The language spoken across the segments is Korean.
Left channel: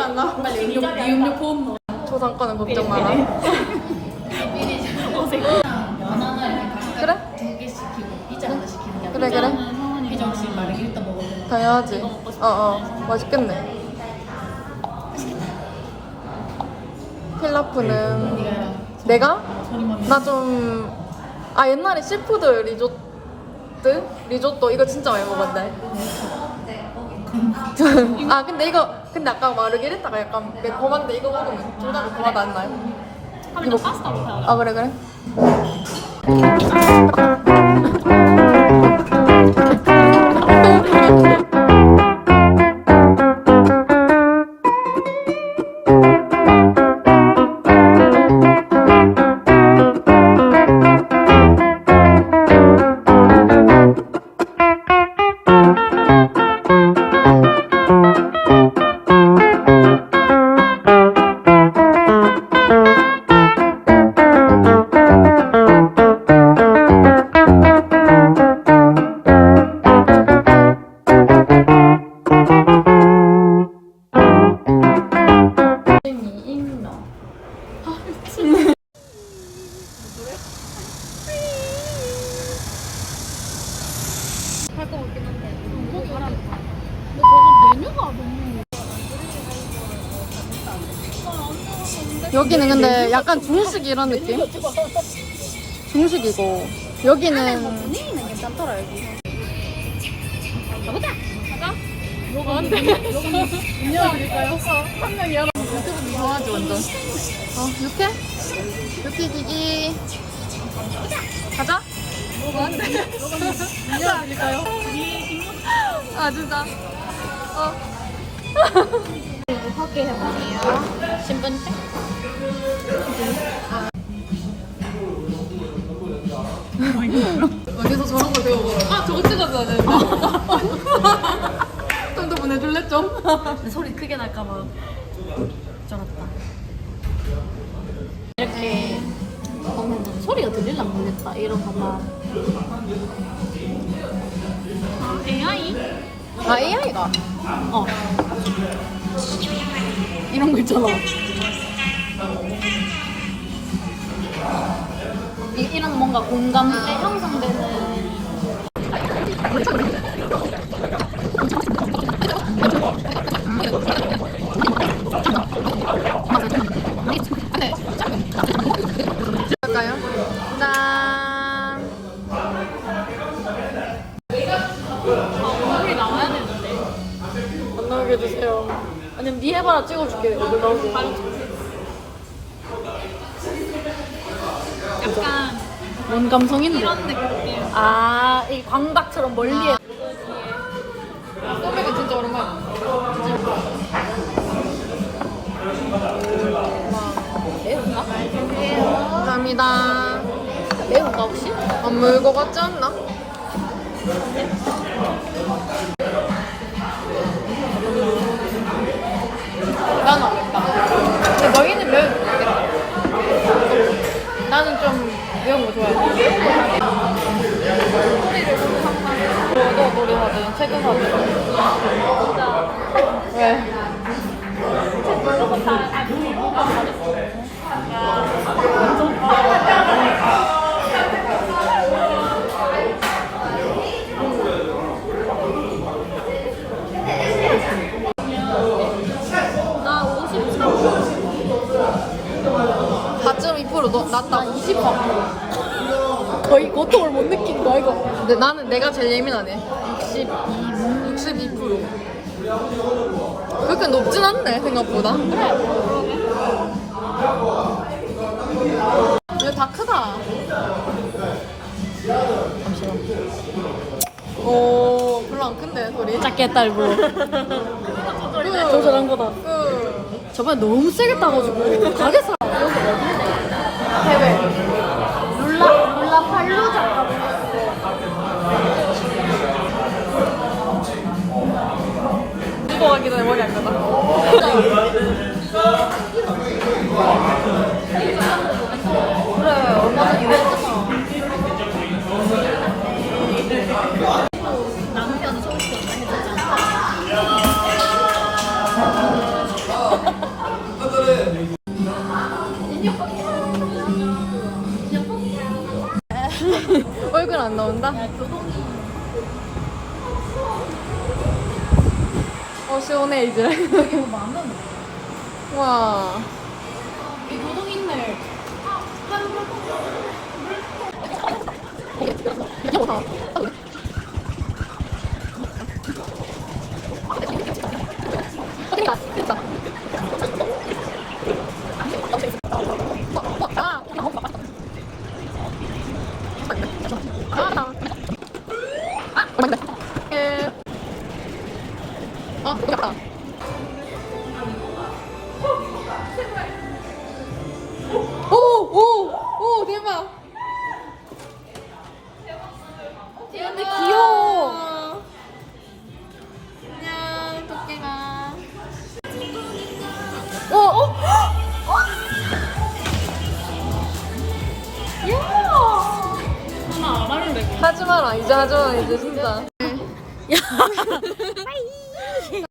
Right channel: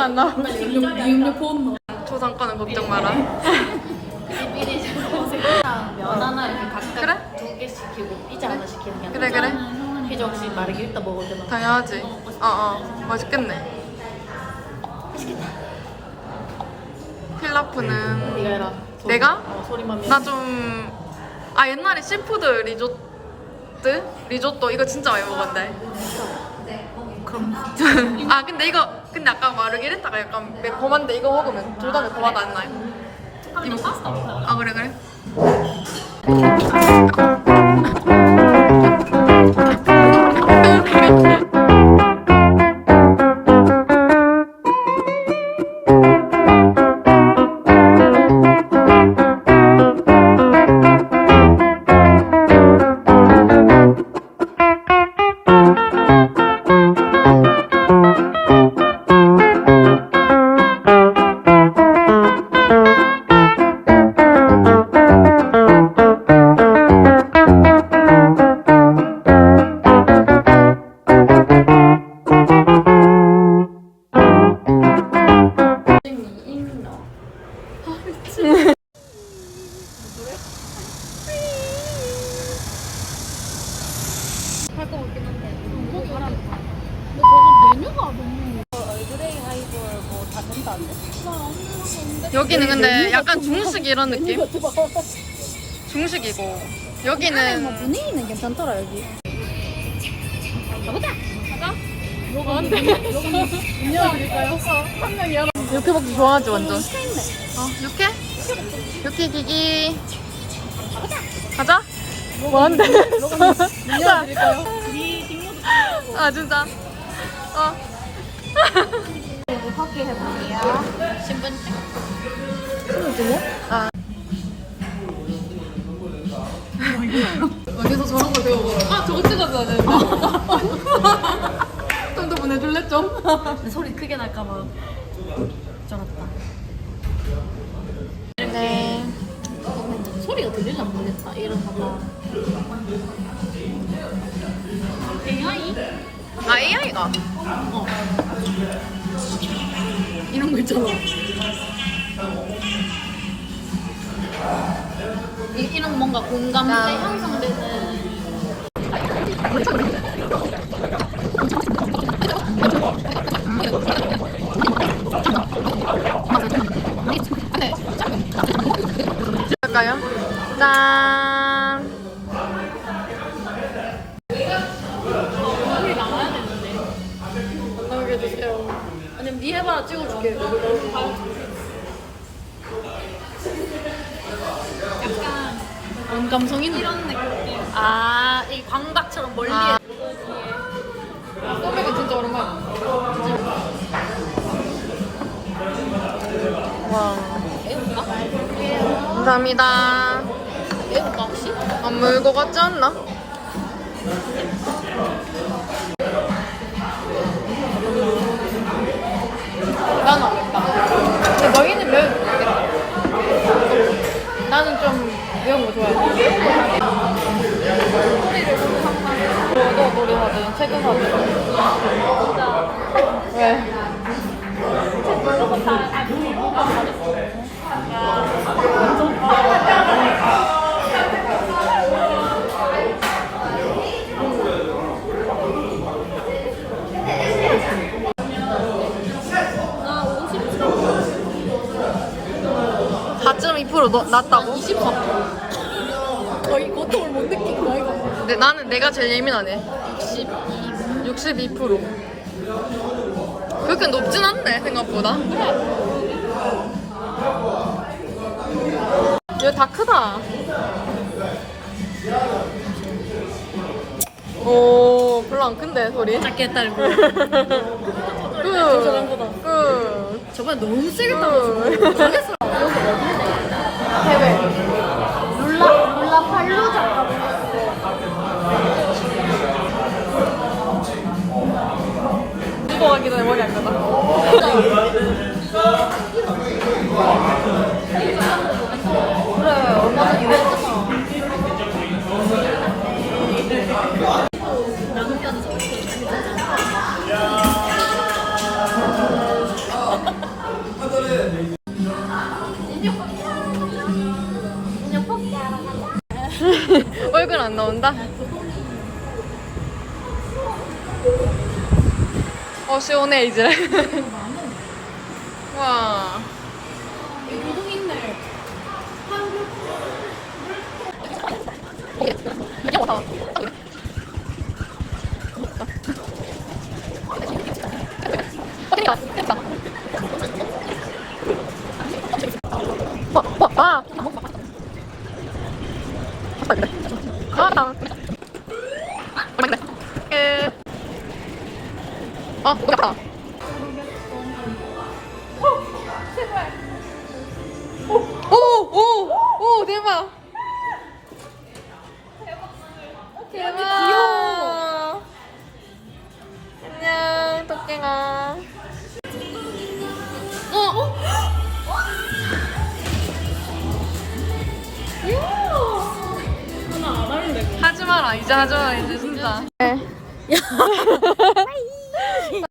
안 나와. 미음료 포함 초상권은 걱정 마라. 연하나 이렇게 각각 그래? 두 개 시키고 피자 하나 시키는 게 그래, 그래. 이정식 마르게 일단 먹으면 당연하지. 어, 어. 맛있겠네. 필라프는 네가 해라 내가? 소리만 나 좀, 아, 옛날에 시푸드 리조트? 리조또 이거 진짜 많이 먹었는데. 아, 근데 이거, 근데 아까 마르게리타가 약간 매콤한데 이거 먹으면 둘 다 매콤하지 않나요? 이거. 아, 그래, 그래. 여기는 근데 약간 중식 이런 느낌? 중식이고 여기는 분위기는 괜찮더라 여기 가보자 가자 뭐가 안 돼? 열어드릴까요? 한 명이 열어 육회 먹기 좋아하지 완전 어 육회? 육회 기기 가자 뭐 한대 자. 아 진짜 어 확인 해 볼게요. 신분증 아. 어디서 저런 걸 배워보라 아 저거 찍었어야 되는데 좀더 보내줄래 좀? 소리 크게 날까 봐. 쩔었다. 네. 소리가 들릴라 모르겠다 이런 거봐 아, AI? 아 AI가. 어. 거 있잖아 이, 이런 뭔가 공감대 아. 형성되는 아니면 니 해봐라 찍어줄게 약간 감성 있네 이런 느낌 아, 이 광각처럼 멀리 아. 에 소맥은 진짜 오랜만이야 와 애운가? 감사합니다 애운가 혹시? 안 물고 같지 않나? 난 알겠다. 근데 너희는 매운 거 알겠다. 나는 좀 매운 거 좋아해. 너도 노래 하든 책은 하든. 진짜 왜? 저거 다 아주 뭐가 잘했어 아 53. 4.2% 너, 낮다고? 20번 거의 고통을 못 느낀 거 이거 근데 나는 내가 제일 예민하네. 62 62%. 그렇게 높진 않네, 생각보다. 얘 다 크다. 오, 별로 안 큰데, 소리. 작게 했다 일부러 그, 거다. 그, 저번에 너무 세게 따가지고 가겠어 나온다? 어 시원해 이제 와 교동 있네. 오, 대박. 근데 귀여워. 안녕, 토끼가. 어, 어? 야! 하지 마라, 이제 하지 마, 이제 진짜.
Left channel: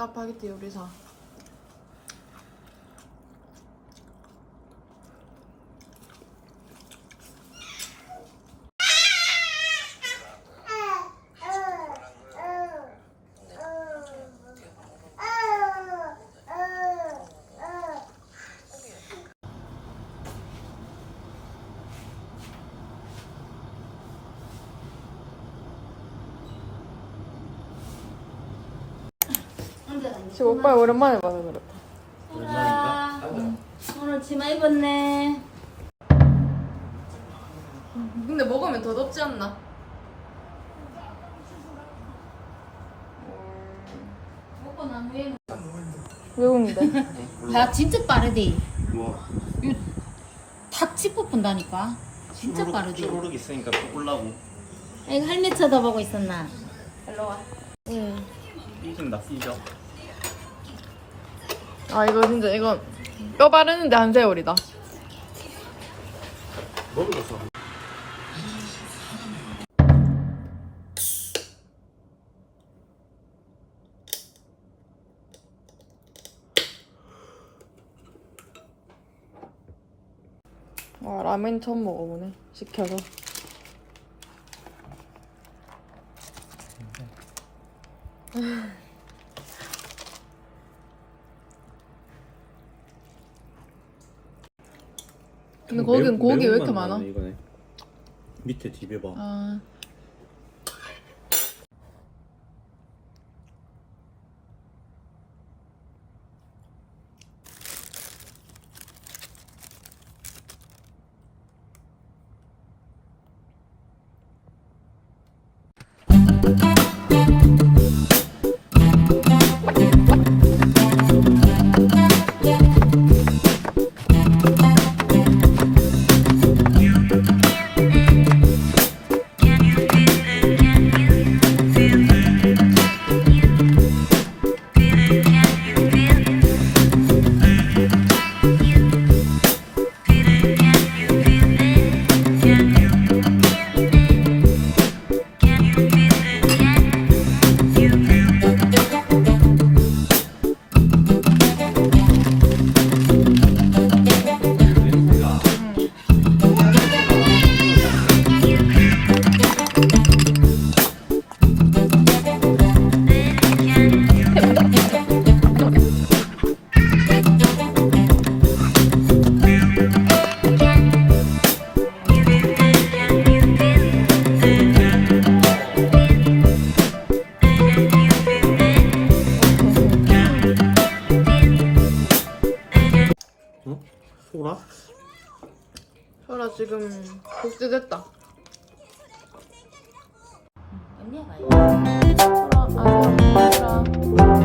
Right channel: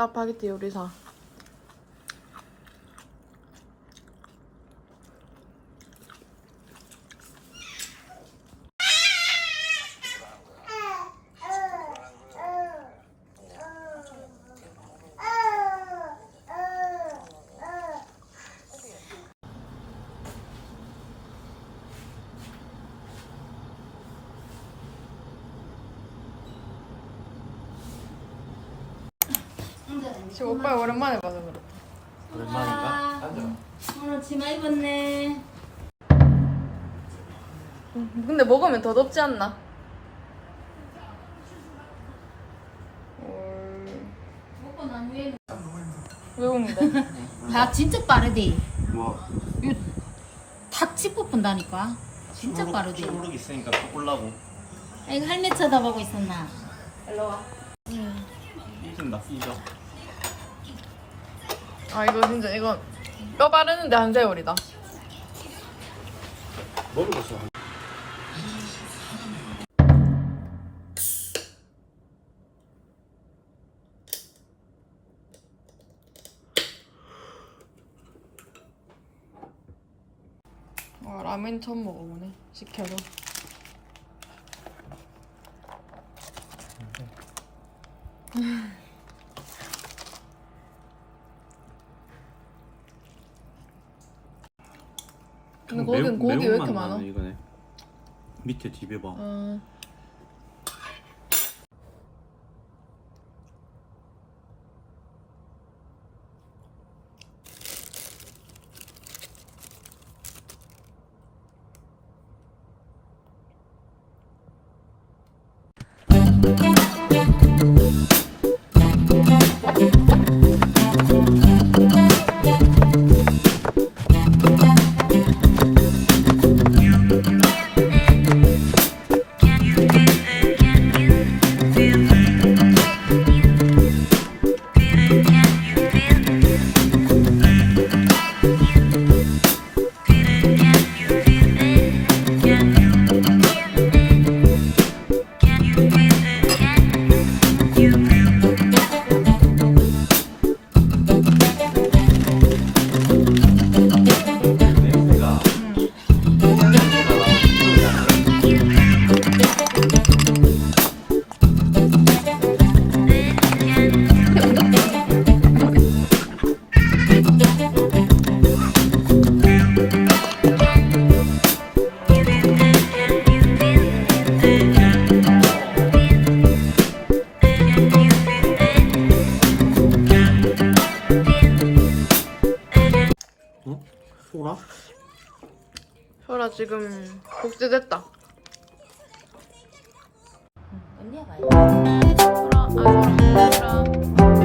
짜파게티 요리사. 지금 오빠 오랜만에 봐서 그렇다. 오랜만인가? 오늘 치마 입었네. 근데 먹으면 더 덥지 않나? 먹고 나무에. 외국인데. 야 진짜 빠르대. 뭐 탁 짚고 본다니까. 진짜 빠르대. 쭈루룩 있으니까 또 꼴라고 아, 이거 할매 쳐다보고 있었나? 응. 삐진다 삐져 아 이거 진짜 이거 뼈 바르는데 한 세월이다. 먹어봤어 와 라면 처음 먹어보네. 시켜서. 근데 거긴 고기 왜 이렇게 많아? 이거네 밑에 딥에 봐 아. 응? 소라? 설아 지금 복제됐다. 언니가 음, 아, 소라. 소라.